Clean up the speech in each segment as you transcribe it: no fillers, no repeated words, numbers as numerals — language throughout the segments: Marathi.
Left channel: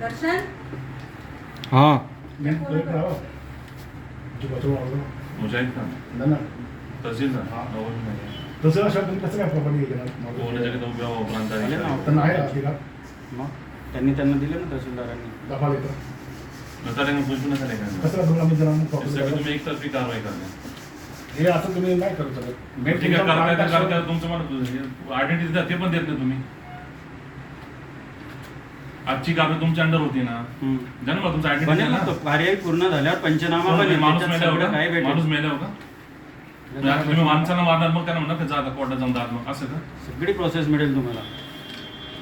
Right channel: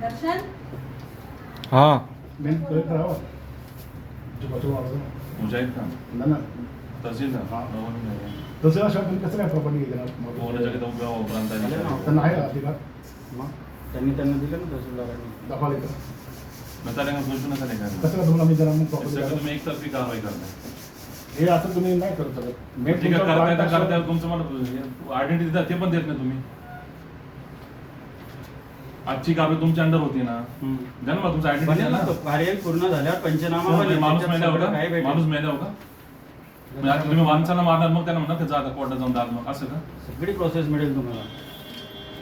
दर्शन हाँ मुजाहिद खान तहसीलदार तसं अशा तुम्ही कसं काय प्रॉपर्टी पोहण्यासाठी तो प्रांताने त्यांना आहे अधिकार त्यांनी दिलं ना तहसीलदारांनी दाखवा येतो नकारांना पूछून नका नाही करणार कसं दोन आम्ही जणांना त्यासाठी प्रॉपर्टी तुम्ही एकतर्फी कारवाई करणार हे असं तुम्ही नाही करू शकत ठीक आहे, करताय तुमचं मला आयडेंटिटी ते पण देत नाही तुम्ही. आजची कारवाई तुमच्या अंडर होती ना, द्या ना मग तुमचं बनेल ना तो आयडेंटिटी. कार्यवाही पूर्ण झाल्यावर पंचनामा बनेल. माणूस त्याच्यात मेल्यावर सगळं काय का? भेटेल. माणूस मेल्यावर का? तुम्ही माणसाला मारणार मग त्याला म्हणणार ते जा कोर्टात जाऊन दाद मग असं का? सगळी प्रोसेस मिळेल तुम्हाला.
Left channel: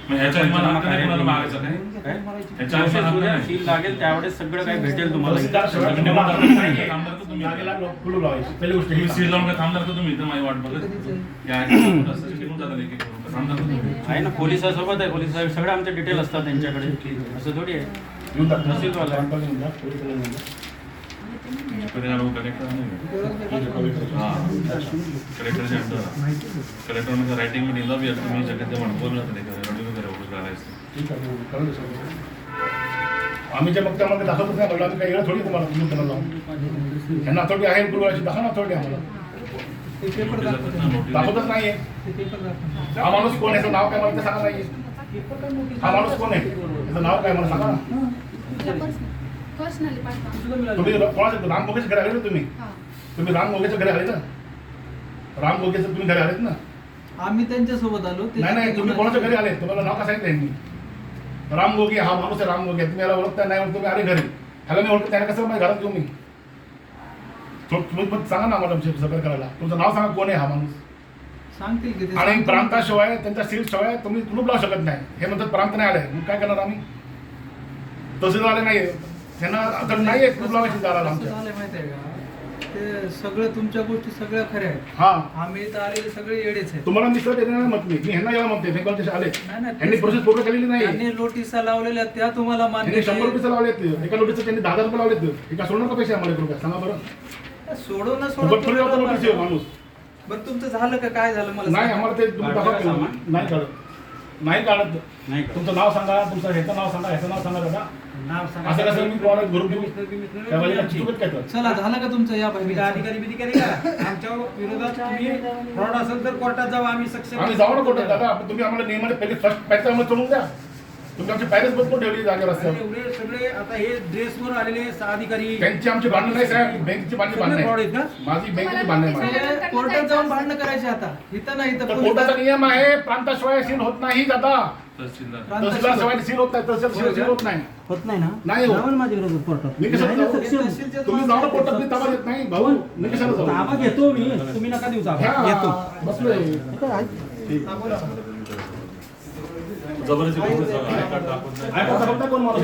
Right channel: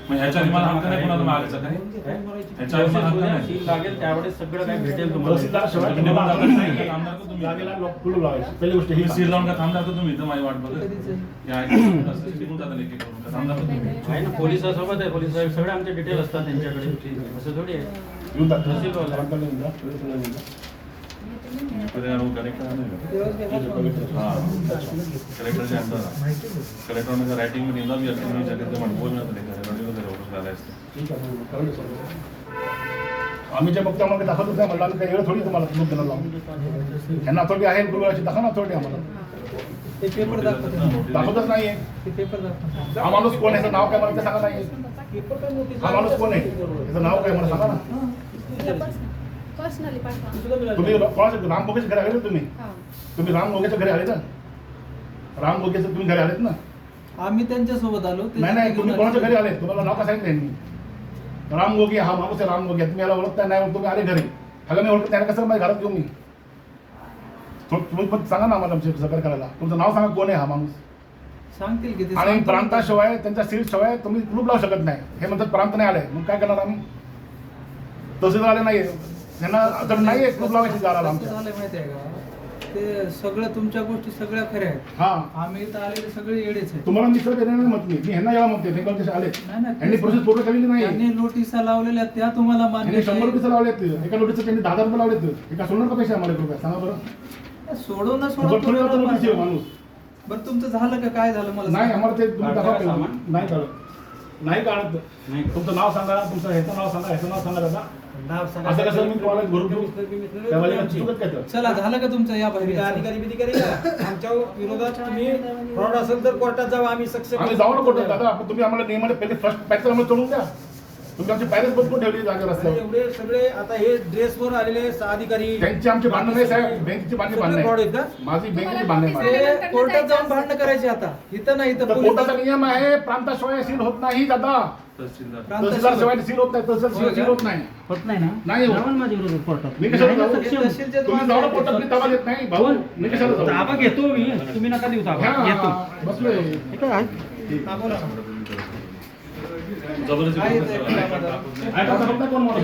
मग ह्याच्या आधी मला हक्क नाही कोणाला मागायचा काय? काय? ह्याच्या आधी मला हक्क नाही. सील लागेल त्यावेळेस सगळं काय भेटेल तुम्हाला. तहसीलदार शिवाय तुम्ही तुम्हाला थांबणार का तुम्ही? जागेला कुलूप लावायची पहिली गोष्ट ही तुम्ही सील लावून का थांबणार का तुम्ही इथं माझी वाट बघत? या रस्त्याची टिकून जाता लेकी करून का थांबणार का तुम्ही? आहे ना पोलिसासोबत आहे. पोलिस सगळे आमचे डिटेल असतात त्यांच्याकडे. असं थोडी आहे. येऊन जा. तहसीलवाला आहे. येऊन जा. येऊन जा. कलेक्टरच्या कलेक्टर रायटिंग में निघा भी तुम्ही जगत म्हणून बोलणार नाही असते. ठीक आहे करेल सगळं. आम्ही जे बघतो आम्हाला दाखवतच नाही म्हणलं आम्ही काही वेळ थोडी तुम्हाला कुलूप करायला लावून ह्यांना अथॉरिटी आहे गुरुवारची दाखवा ना अथॉरिटी आम्हाला दाखवतच नाहीये. हा माणूस कोण आहे? याचं नाव काय मला ते सांगा नाहीये. हा माणूस कोण आहे? त्याचं नाव काय मला सांगा ना. तुम्ही कोणाच्या राम गोगेच्या घरी आले ना तुम्ही राम गोगेच्या घरी आले ना. राम गोगेचं तुम्ही घरी आलेत ना. आम्ही त्यांच्यासोबत आलो. नाही तुम्ही कोणाच्या घरी आले? तुम्हाला नाव का सांगितलं यांनी? राम गोगे हा माणूस आहे. राम गोगे तुम्ही याला ओळखता नाही तुम्ही आले घरी. ह्याला मी ओळखत त्याने कसं माझ्या घरात घेऊन मी तुम्ही पण सांगा ना मॅडम सगळं करायला. तुमचं नाव सांगा कोण आहे हा माणूस. सांगतील की ते आणि प्रांताशिवाय त्यांच्या सील शिवाय तुम्ही कुलूप लावू शकत नाही. हे म्हणतात प्रांत नाही आले मग काय करणार आम्ही? तहसीलदार आले नाही त्यांना तर नाही कुलूप लावायची दाराला आमच्या. माहिती आहे का ते सगळं तुमच्या गोष्टी सगळ्या खऱ्या आहेत. हा आम्ही इथं आलेले सगळे येडेच आहेत. तुम्हाला मी सर देणार मत मी ह्यांना याला म्हणते बेंगॉल देश आले नाही, यांनी प्रोसेस पूर्ण केलेली नाही. त्यांनी नोटिसा लावलेल्या त्या तुम्हाला मान्य त्यांनी 100 आहे. रुपये लावलेत. एका नोटीसचं त्यांनी 10,000 रुपये लावलेत. एका सोडणार का पैसे आम्हाला 1 रुपया सांगा बरं. सोडून बघ थोडी आता नोटीस आहे माणूस. बरं तुमचं झालं का काय झालं मला नाही सांगा. आम्हाला ते तुम्ही दाखवा काढता का केलं. नाही काढत नाही काढत. नाही का? तुमचं नाव सांगा तुमचं ह्याचं नाव सांगा ह्याचं नाव सांगा दादा. नाव सांगा. असं कसं मी तुम्हाला घरून घेऊन त्यावेळेला चुकत काय तर. चला झालं का तुमचं या बाहेर अधिकारी बिधी करेगा आमच्या विरोधात तुम्ही फ्रॉड असेल तर कोर्टात जाऊ आम्ही सक्षम आम्ही जाऊ ना कोर्टात दादा. आपण तुम्ही आम्हाला नियमाने पहिले फर्स्ट पॅक आम्हाला सोडून द्या. तुम्ही आमची पॅरेस बदलून ठेवली जागा रस्त्यावर. एवढे सगळे आता हे ड्रेसवर आलेले अधिकारी त्यांची आमची भांडण नाही साहेब. बँकेची भांडण सगळे fraud आहेत आहे. का? माझी बँकेची भांडण आहे. ते कोर्टात जाऊन भांडणं करायचे आता इथं नाही तर इथं कोर्टाचा नियम आहे प्रांताशिवाय सील होत नाही दादा. तहसीलदार तहसीलदार शिवाय सील होत नाही. तहसील सील होत नाही. होत नाही ना. नाही होत. माझ्या विरोधात कोर्टात मी कशाला जाऊ? तहसीलच्या तुम्ही जाऊ ना कोर्टात. मी ताबा देत नाही भाऊ. मी कशाला जाऊ? ताबा घेतो मी. तुम्ही नका देऊ ताबा. घेतो. हा, बसलोय. जबरदस्ती आहे का समजता कोण मला?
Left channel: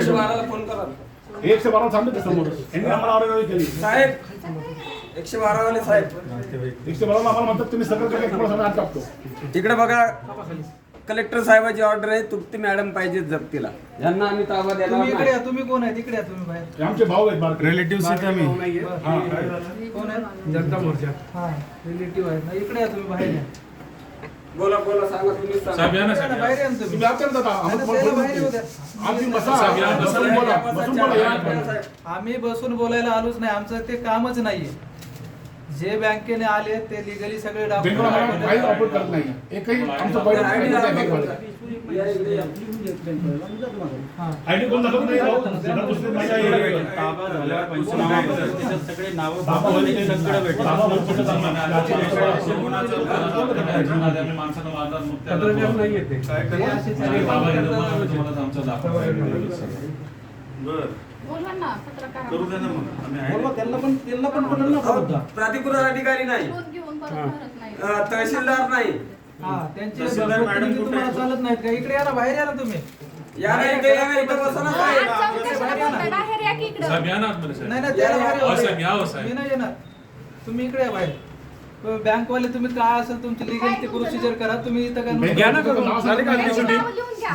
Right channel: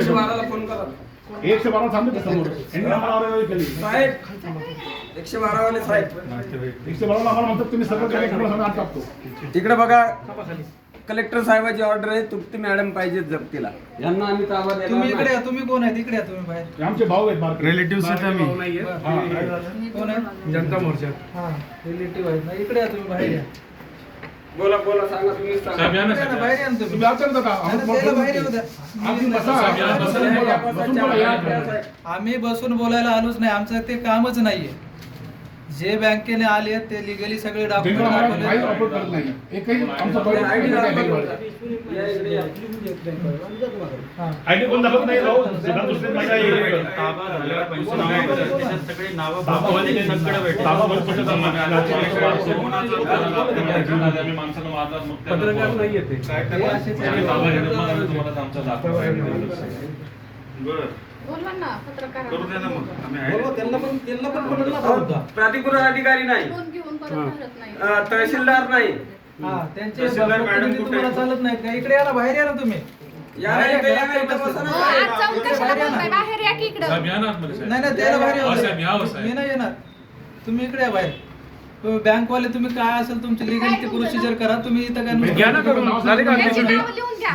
112 सांगतो समोर. यांनी आम्हाला आरोग्य केली. साहेब 112 वाले साहेब 112 आम्हाला म्हणतात तुम्ही सगळं केलं की मला हात कापतो. तिकडे बघा कलेक्टर साहेबाची ऑर्डर आहे तुप्ती मॅडम पाहिजे जप्तीला यांना आम्ही ताबा देणार तुम्ही इकडे नाही. या. तुम्ही कोण आहे तिकडे या तुम्ही बाहेर. हे आमचे भाऊ आहेत बारके. रिलेटिव्ह बरं. हा. कोण आहे जनता मोर्चा. हा रिलेटिव्ह आहे ना. इकडे या तुम्ही बाहेर या. बोला सांगा तुम्हीच सांगा. साहेब या ना या ना, साहेब बाहेर या ना तुम्ही. तुम्ही आमच्याकडे जाता. नाही, आम्हाला नाही, त्याला बोलू बाहेर येऊ द्या. आम्ही बसा. साहेब, या, बसा. बसून बोला. बसून बोला. या. आम्ही बसून बोलायला आलोच नाही. आमचं ते कामच नाहीये. जे बँकेने आले ते लिगली सगळे बेंगॉल आम्हाला काही डॉक्युमेंट ऑपरेट करत नाही. एकही आमचं पॉईंट ID नाही. या इकडे या. आयडी कोण दाखवत नाही भाऊ. सगळं दुसरे माझ्या येईल. ताबा झाल्यावर पंचनामा बनेल. त्याच्यात सगळे नावं बाबावाले सगळं भेटेल. बाबा भरपूर माणसाला मारणार मुक्त नाही येते काय करणार? तुम्हाला आमचा दाखवा बोला ना पत्रकार करू द्या ना मग आम्ही आहे. बोलवा, त्यांना पण बोलत ना प्राधिकृत अधिकारी नाही फोन घेऊन परत भरत नाही. तहसीलदार नाही हा त्यांचे तहसीलदार मॅडम प्रतिनिधी कुठे तुम्हाला आहेत? चालत नाहीत का? इकडे या ना. बाहेर या ना तुम्ही. या ना इथे या ना, इथं बसा ना आज साहेब. जाऊन कशाला बोलताय? बाहेर या की इकडं. साहेब या ना आतमध्ये साहेब. नाही त्याला बाहेर हो साहेब, या हो येऊ साहेब. मी नाही येणार. तुम्ही इकडे या बाहेर. बँकवाले तुम्ही काय असेल तुमची लिगल प्रोसिजर करा. तुम्ही इथं काय घ्या ना करून. झाले का त्यांची तुमची? नावं लिहून घ्या.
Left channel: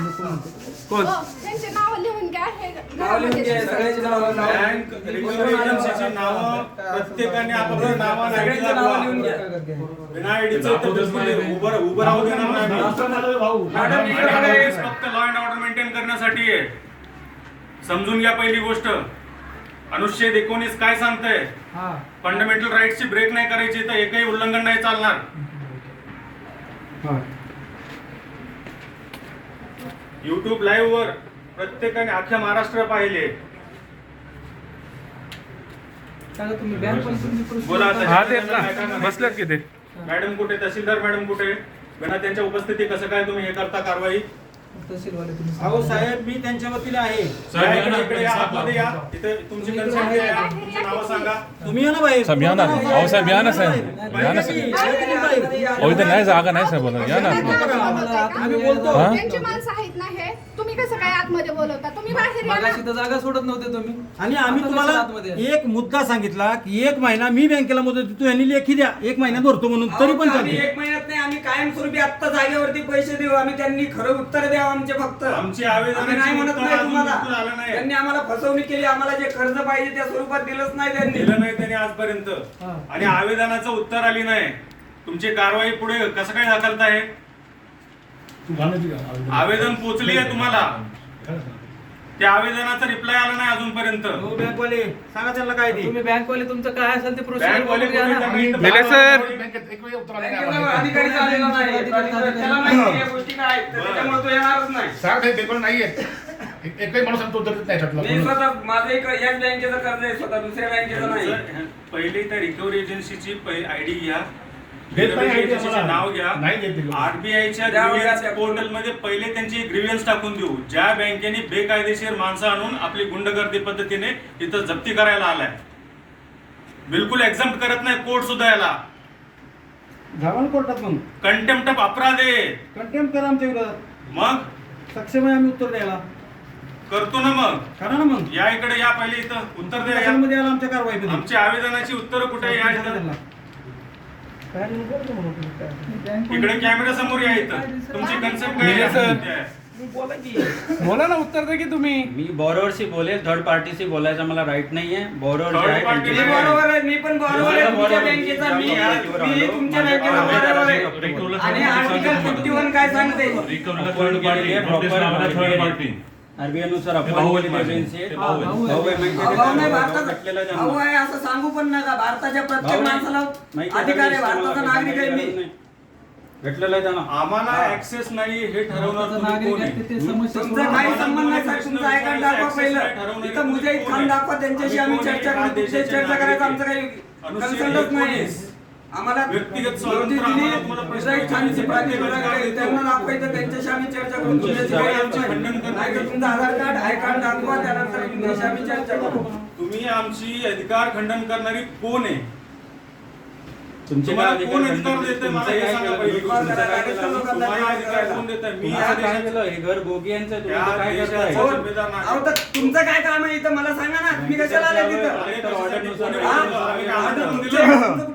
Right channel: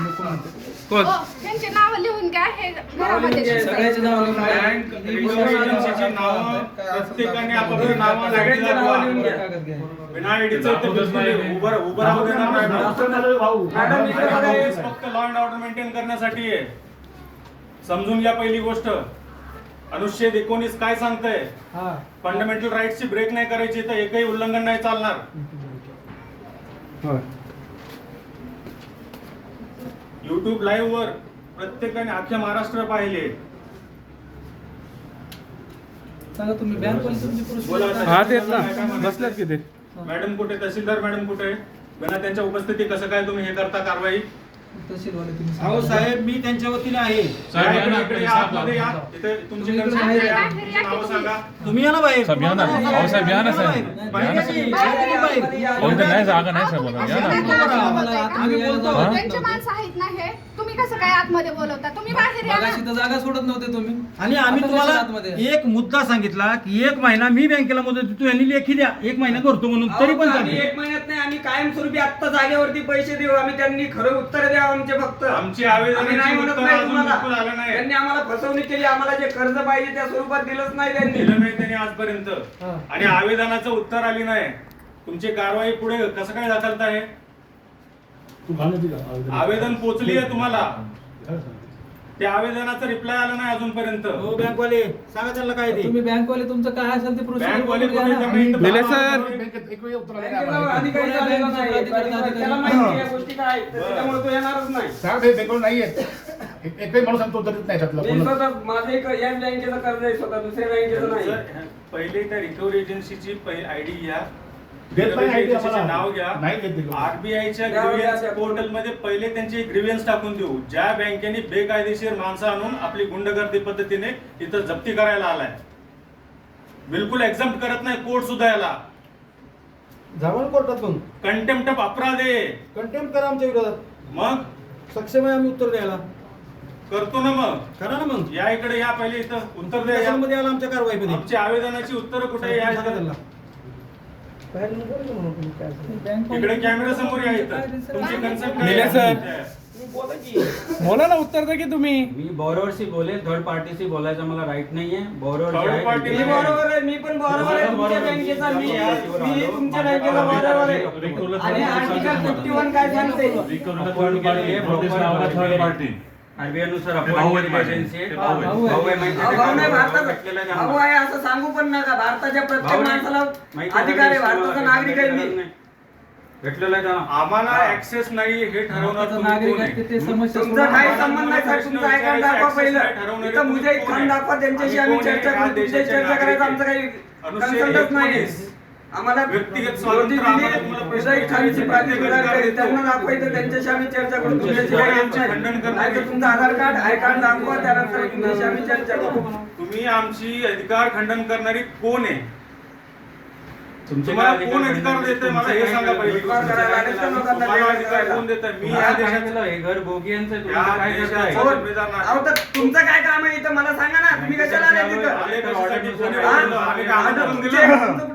कोण? हो, त्यांची नावं लिहून घ्या. हे नाव लिहून घ्या, सगळ्यांची नावं लिहून घ्या. बँक रिझर्व्ह एजन्सीची नावं प्रत्येकाने आपापली नावं सगळ्यांची नावं लिहून घ्या. बिना आयडीचं इथं बिलकुल उभं राहू देणार नाही. भाऊ मॅडम इकडे बघा. हे फक्त लॉ अँड ऑर्डर मेंटेन करण्यासाठी आहे. समजून घ्या पहिली गोष्ट. अनुच्छेद 19 काय सांगतंय? हा फंडामेंटल राईट्सची ब्रेक नाही करायची तर एकही उल्लंघन नाही चालणार. YouTube लाईव्ह वर प्रत्येकाने अख्ख्या महाराष्ट्र पाहिले. सांगा तुम्ही बँक पण तुम्ही बोला procedure आता. करा. बसल्यात की ते? मॅडम कुठे? तहसीलदार मॅडम कुठे? बिना त्यांच्या उपस्थिती कसं काय तुम्ही हे करता कारवाई? तहसीलवाले तुम्ही अहो सांगा. साहेब, मी त्यांच्या वतीने आहे. या इकडे या, आतमध्ये या. इथे तुमची तुम्ही कन्सर्न इकडे आहे. आहे. तुमची नावं सांगा. तुम्ही या ना बाहेर. साहेब, या ना. अहो, साहेब, या ना, साहेब. बाहेर या ना, या की. बाहेर या बाहेर. अहो, इथं नाही जागा नाही साहेब आता. या ना. आम्ही बोलतो. हा? त्यांची माणसं आहेत ना हे. तुम्ही कसं काय आतमध्ये बोलवता? तुम्ही बाहेर या ना. मगाशी तर जागा सोडत नव्हते तुम्ही. आणि आम्ही आता तुम्हाला कसं आतमध्ये? एक मुद्दा सांगितला की 1 महिना मी बँकेला मुदत देतो, यांनी लेखी द्या 1 महिना धरतो म्हणून, तरी पण आम्ही चालते. 1 महिन्यात नाही, आम्ही कायमस्वरूपी आत्ता जागेवरती पैसे देऊ. आम्ही त्यांनी खरं उत्तर द्या आमचे फक्त. आमची आम्ही आवेदनाची नाही म्हणत उत्तर नाही अजून तुम्हाला. बिलकुल आलं नाही. त्यांनी आम्हाला फसवणूक केली. आम्हाला जे कर्ज पाहिजे त्या स्वरूपात दिलंच नाही त्यांनी. दिलं नाही त्याने आजपर्यंत. हा. आणि आवेदनाचं उत्तर आली नाही. तुमची कारवाई पुढे कसं काय दाखलताय? तू घालण्याची का? आवेदन पोहोचली आहे तुम्हाला. काय सांगतो? त्या आवेदनाचा रिप्लाय आला नाही अजूनपर्यंत. हो बँकवाले, सांगा त्यांना काय ते. तुम्ही बँकवाले तुमचं काय असेल ते प्रोसिजर बँकवाले बघून घ्या ना. कोणी त्यांना निलेश इथं सर. बँकेत एक वेळी उत्तर आलं बँकेला नाही. अधिकारी आलेला नाही. त्याला माहिती आहे या गोष्टी काय आहेत. तर त्याच्यामुळे तो येणारच नाही. साहेब हे पेपर नाही आहेत. एकही माणूस सांगतो उत्तर देत नाही त्यातला. मी स्वतः माझं एक याच बँकेचं कर्ज आहे स्वतः, दुसऱ्या बँकेचं नाही. पहिले त्या रिकव्हरी एजन्सीची आयडी घ्या. देत नाही रिकव्हरी ID एजन्सीचे आम्हाला. नाव घ्या. नाही देत ते. आरबीआयच्या द्यावं ग्रीव्हन्स द्या. पोर्टल मध्ये पहिले त्यांची ग्रीव्हन्स टाकून देऊ. ज्या बँकेने बेकायदेशीर माणसं आणून आपली गुंडगर्दी पद्धतीने तिथं जप्ती करायला आलाय. बिलकुल एक्झम्प्ट करत नाही कोर्ट सुद्धा याला. जावा ना कोर्टात मग. कंटेम्प्ट ऑफ अपराध आहे. कंटेम्प्ट करा आमच्या विरोधात. मग सक्षम आहे आम्ही उत्तर द्यायला. करतो ना मग. करा ना मग. या इकडे या पहिले इथं उत्तर द्या. मध्ये आला आमच्या कारवाईमध्ये. आमची आवेदनाची उत्तर कुठे आहे? या सांगा इथं. त्यांना. इकडे कॅमेरा समोर या इथं. तुमची कन्सर्न काय निलेश सर. आहे? बोला ना, उत्तर द्या की तुम्ही. मी बॉरोवरशी बोले, थर्ड पार्टीशी बोलायचा मला राईट नाहीये. बॉरोवर जे Third आहे party मी त्यांचे- बरोबर आहे. मी पण बरोबर आहे. तुमच्या बँकेचा मी तुमच्या बँकेचा बरोबर आहे. आणि आर्टिकल 51 काय सांगते? अपॉइंट केलेली आहे, प्रॉपर आरबीआय नुसार अपॉइंट केलेली एजन्सी आहे. भाऊ आहे माहिती आहे भाऊ नाही, का? भारताचा भेटलेला आहे भाऊ त्यांना. आहे असं सांगू पण नका. भारताच्या प्रत्येक भाऊ नाही. माणसाला माहिती आहे अधिकार आहे. सगळी भारताचा मला नागरिक आहे गरज मी. नाही. भेटलेलं आहे त्यांना. आम्हाला ऍक्सेस नाही हे ठरवणार भारताचा तुम्ही नागरिक कोण आहे आहे? की ते समस्या तुमचा सोडवणार. काही संबंध नाही साहेब. तुमचा आय कार्ड दाखवा पहिलं. इथं मुजाहिद खान दाखवा. त्यांच्याशी आम्ही चर्चा करू. तुमच्याशी चर्चा करायचं आमचं काही कन्सर्नच नाही. आम्हाला व्यक्तिगत नोटीस स्वातंत्र्य दिली. आम्हाला तुम्हाला प्रश्न मुजाहिद खानची विचारायचे प्राधिकार अधिकार देतो. त्यांना दाखवायचं. त्यांच्याशी आम्ही चर्चा करू. तुमच्याशी तुमचे काही आमचे खंडन नाही. करणारे. नाहीतर तुमचं आधार कार्ड आय कार्ड दाखवा. त्यानंतर तुमच्याशी आम्ही चर्चा करू. तुम्ही आमची अधिकार खंडन करणारी कोण आहे? तुमचे तुम्हाला काय कोण अधिकार अधिकार देते मला तुमचं हे काय सांगा केलं? पहिली गोष्ट. तुमचं काय केलं? तुम्हाला अधिकार कोण देत? मी तुम्ही या काय देशाचा केलं? हे घर भोगियांचं आहे. तुम्ही या काय देशाचा करताय? हो. जिम्मेदार नागरिक. अहो, तर तुमचं काय काम आहे इथं मला सांगा ना. तुम्ही कशाला आले तिथं? आम्ही कशासाठी कोणी हा? बोललो? आम्ही काय आता आमंत्रण तुमचे- दिलं? तुमचं